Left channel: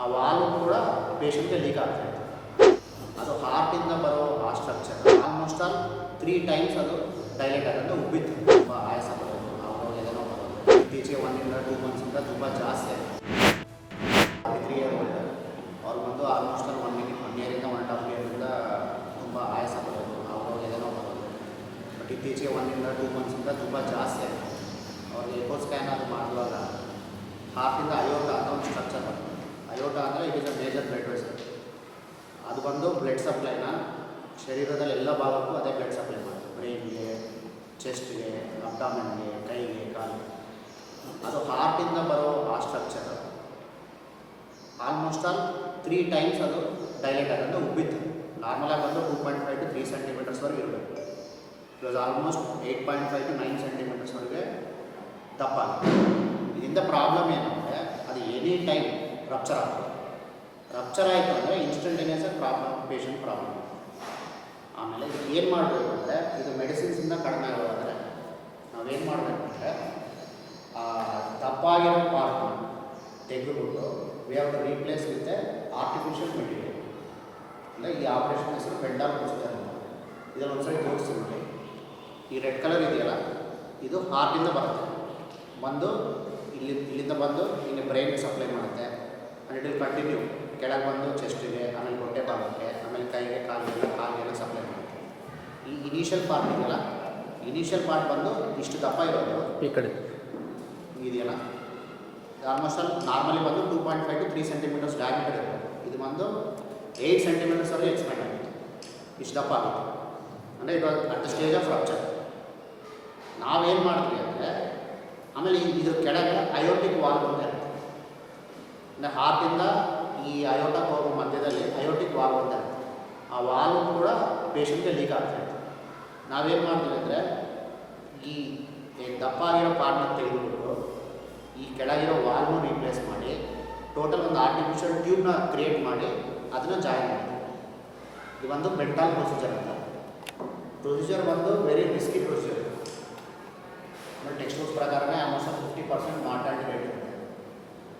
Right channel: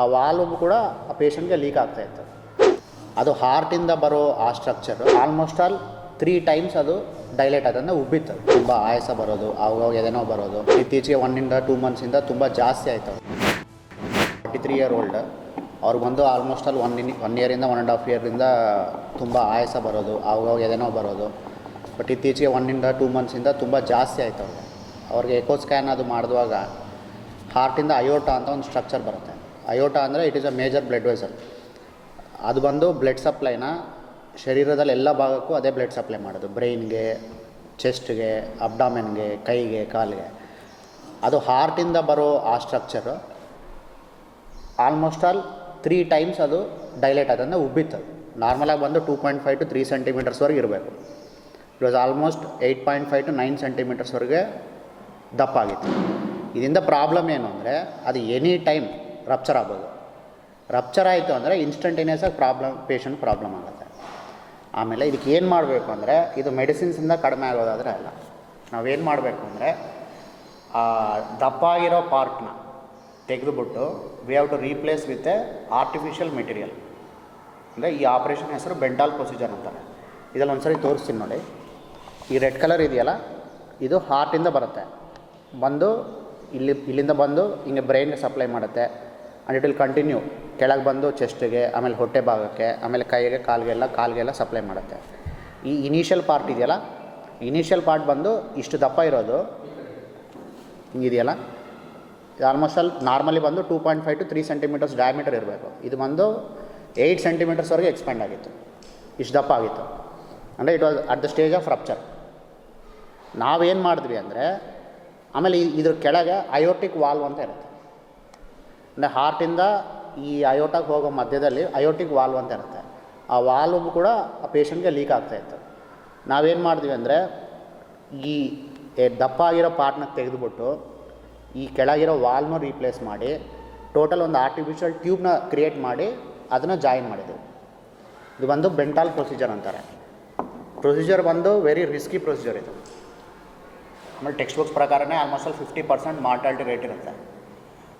ಆ ವಾಲ್ವ್ ಕೂಡ ಆ ಪೇಷಂಟ್ಗೆ ಲೀಕ್ ಆಗ್ತಾಯಿತ್ತು. ಅದು ಹಾರ್ಟಿಂದ ಬರೋ ಆ ಸ್ಟ್ರಕ್ಚರ್ ಆಲ್ಮೋಸ್ಟ್ ಆಲ್ 3 ಟೈಮ್ಸ್ ಅದು ಡೈಲೇಟ್ ಆಗೋದ್ರಿಂದ ಉಬ್ಬಿತ್ತು. ತುಂಬ ಆಯಾಸ ಬರೋದು, ಆವಾಗ ಎದೆನೋ ಬರೋದು. ಇತ್ತೀಚೆಗೆ 1-2 ಮಂತ್ಸಿಂದ ತುಂಬ ಜಾಸ್ತಿ ಆಯಿತು. 43 ಇಯರ್ ಓಲ್ಡ್ ಅವ್ರಿಗೆ ಬಂದು ಆಲ್ಮೋಸ್ಟ್ ಆಲ್ 1 ಇಯರಿಂದ 1.5 ಇಯರಿಂದ ತುಂಬ ಆಯಾಸ ಬರೋದು, ಆವಾಗ ಎದೆನೋ ಬರೋದು. ಬಟ್ ಇತ್ತೀಚೆಗೆ 1-2 ಮಂತ್ಸಿಂದ ತುಂಬ ಜಾಸ್ತಿ ಆಯಿತು. ಅವ್ರಿಗೆ ಎಕೋ ಸ್ಕ್ಯಾನ್ ಅದು ಮಾಡಿದುವಾಗ ಹಾರ್ಟಿಂದ ಅಯೋಟ ಅಂತ ಒಂದು ಸ್ಟ್ರಕ್ಚರ್ ಬರುತ್ತೆ. ಅಯೋಟ ಅಂದರೆ it is a major blood vessel. ಅದು ಬಂದು ಬ್ಲಡ್ ಸಪ್ಲೈನ ಶರೀರದಲ್ಲಿ ಎಲ್ಲ ಭಾಗಕ್ಕೂ ಅದೇ ಬ್ಲಡ್ ಸಪ್ಲೈ ಮಾಡೋದು. ಬ್ರೈನ್ಗೆ, ಚೆಸ್ಟ್ಗೆ, ಅಬ್ಡಾಮೆನ್ಗೆ, ಕೈಗೆ, ಕಾಲಿಗೆ. ಅದು ಹಾರ್ಟಿಂದ ಬರೋ ಆ ಸ್ಟ್ರಕ್ಚರು ಆಲ್ಮೋಸ್ಟ್ ಆಲ್ 3 ಟೈಮ್ಸ್ ಅದು ಡೈಲೇಟ್ ಆಗೋದ್ರಿಂದ ಉಬ್ಬಿತ್ತು. ನಾರ್ಮಲಾಗಿ ಬಂದು 2.5 to 3 ಸೆಂಟಿಮೀಟರ್ಸ್ವರೆಗೆ ಇರಬೇಕು. ಇಟ್ ವಾಸ್ ಆಲ್ಮೋಸ್ಟ್ 8.5 to 9 ಸೆಂಟಿಮೀಟರ್ಸ್ವರೆಗೆ ದಪ್ಪ ಆಗಿತ್ತು. ಇದರಿಂದ ಪ್ರಾಬ್ಲಮ್ ಏನು ಅಂದರೆ ಅದು ಎನಿ ಟೈಮ್ ರಪ್ಚರ್ ಆಗ್ಬೋದು. ರಪ್ಚರ್ ಆಯಿತು ಅಂದರೆ ಇನ್ಸ್ಟಂಟೇನಿಯಸ್ಸಾಗಿ ಪೇಷಂಟ್ ಪ್ರಾಬ್ಲಮ್ ಆಗುತ್ತೆ. ಆಮೇಲೆ ಇದಕ್ಕೆ ಏನು ಮಾಡಬೇಕು ಅಂದರೆ, ಇದು ಮೆಡಿಸಿನ್ಸಿಂದ ಕಡಿಮೆ ಆಗೋದಾದರೆ ಅಲ್ಲ. ನಾವೇನು ಮಾಡಬೇಕು ಅಂದರೆ ದಪ್ಪ ಆಗಿರೋ ಪಾರ್ಟ್ನ ತೆಗೆದುಬಿಟ್ಟು we have to replace with a artificial material. ಅಂದರೆ ಈ ಆಪ್ರೇಷನ್ ಹೆಸರು ಬೆಂಟಾಲ್ ಪ್ರೊಸೀಜರ್ ಅಂತಾರೆ. ಇದರಲ್ಲಿ ಒಂದ್ಸರಿ ತೋರಿಸ್ತೀನಿ ನೋಡಿ. ಈ ರೆಡ್ ಕಲರ್ ಇದೆಯಲ್ಲ, ಇದು ಹಾರ್ಟಿಂದ ಬರುತ್ತೆ. ಬಂದು ಇಲ್ಲಿಂದ ಬಂದು ಹಿಂಗೆ ಬ್ರೈನ್ಗೆ ಸಪ್ಲೈ ಮಾಡುತ್ತೆ. ಆ್ಯಂಡ್ ಇಟ್ ವಿಲ್ ಕಂಟಿನ್ಯೂ ಕೆಳಗೆ ಬಂದು ಚೆಸ್ಟಿಗೆ, ಆಮೇಲೆ ಹೊಟ್ಟೆ ಭಾಗಕ್ಕೆ, ಆಮೇಲೆ ಕೈಗೆ, ಕಾಲಿಗೆಲ್ಲ ಸಪ್ಲೈ ಮಾಡುತ್ತೆ. ಈ ಇನಿಷಿಯಲ್ ಪಾರ್ಟ್ ಇದೆಯಲ್ಲ, ಇನಿಷಿಯಲ್ ಪಾರ್ಟ್ ಬಂದು ಇಷ್ಟು ದಪ್ಪ ಇರೋದು ಈ ಕಡೆ ಹಿಂಗಿದೆಯಲ್ಲ, ಇದು ಆಲ್ಮೋಸ್ಟ್ ಆಲ್ ನಾರ್ಮಲಿ ಬಂದು 2.5 to 3 ಸೆಂಟಿಮೀಟರ್ಸ್ ಡಯಾಮೀಟರ್ ಇರಬೇಕು. ಇದು ಬಂದು 8 ಸೆಂಟಿಮೀಟರ್ಸ್ವರೆಗೆ ಎಕ್ಸ್ಪ್ಯಾಂಡ್ ಆಗಿತ್ತು. ಇಷ್ಟು ದಪ್ಪ ಆಗಿತ್ತು. ಅಂದರೆ it was at the stage of rupture. ನಾವೇನು ಮಾಡಿದ್ವಿ ಅಂದರೆ, ಆಮೇಲೆ ಇದ್ರ ಕೆಳಗೆ ಅಯೋಟಿಕ್ ವಾಲ್ವ್ ಅಂತ ಇರುತ್ತೆ. ಅಂದರೆ ಹಾರ್ಟಿಂದ ಈ ಅಯೋಟಕ್ಕೆ ಹೋಗೋ ಮಧ್ಯದಲ್ಲಿ ಅಯೋಟಿಕ್ ವಾಲ್ವ್ ಅಂತ ಇರುತ್ತೆ. ಆ ವಾಲ್ವ್ ಕೂಡ ಆ ಪೇಷಂಟ್ಗೆ ಲೀಕ್ ಆಗ್ತಾಯಿತ್ತು. ನಾವೇನು ಮಾಡ್ತೀವಿ ಅಂದರೆ, ಈ ದಪ್ಪ ಆಗಿರೋ ಪಾರ್ಟ್ನ ತೆಗೆದುಬಿಟ್ಟು ಈ ಕೆಳಗಿರೋ ವಾಲ್ವ್ನ ರೀಪ್ಲೇಸ್ ಮಾಡಿ ಟೋಟಲ್ ಒಂದು ಆರ್ಟಿಫಿಷಿಯಲ್ ಟ್ಯೂಬ್ನ ಕ್ರಿಯೇಟ್ ಮಾಡಿ ಅದನ್ನು ಜಾಯಿನ್ ಮಾಡಿದ್ದೀವಿ. ಇದು ಬಂದು ಬೆಂಟಾಲ್ ಪ್ರೊಸೀಜರ್ ಅಂತಾರೆ. ಪ್ರೊಸೀಜರ್ ಬಂದು ವೆರಿ ರಿಸ್ಕಿ ಪ್ರೊಸೀಜರ್ ಇದು. ಆಮೇಲೆ ಟೆಕ್ಸ್ಟ್ ಬುಕ್ಸ್ ಪ್ರಕಾರನೇ ಆಲ್ಮೋಸ್ಟ್ 50% ಮಾರ್ಟಾಲಿಟಿ ರೇಟ್ ಇರುತ್ತೆ.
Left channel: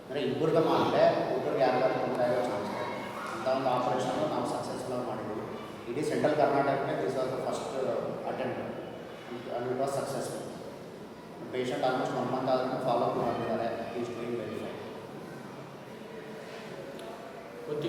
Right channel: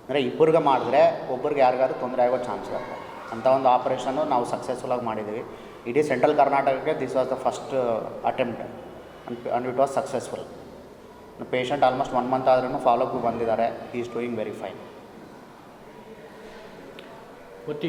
ಅಂದರೆ ಇಬ್ಬರಿಗೆ ಮಾಡಿದ್ರೆ ಒಬ್ಬರಿಗೆ ಯಾರಿಗಾದ್ರೂ ತೊಂದರೆ ಆಗೋ ಚಾನ್ಸ್ ಇರುತ್ತೆ. ಅಂಥ ಒಂದು ಆಪ್ರೇಷನ್ನು ನಾವು ಸಕ್ಸಸ್ಫುಲ್ಲಾಗಿ ಮಾಡಿದ್ದೀವಿ. ಇಡೀ ಸೆಂಟ್ರಲ್ ಕರ್ನಾಟಕಕ್ಕೆ this was the first attempt and it was successful. Patient almost 1 month ಆದ್ರೂ ಫಾಲೋಅಪ್ ಬಂದಿದ್ದಾರೆ. He is doing very fine.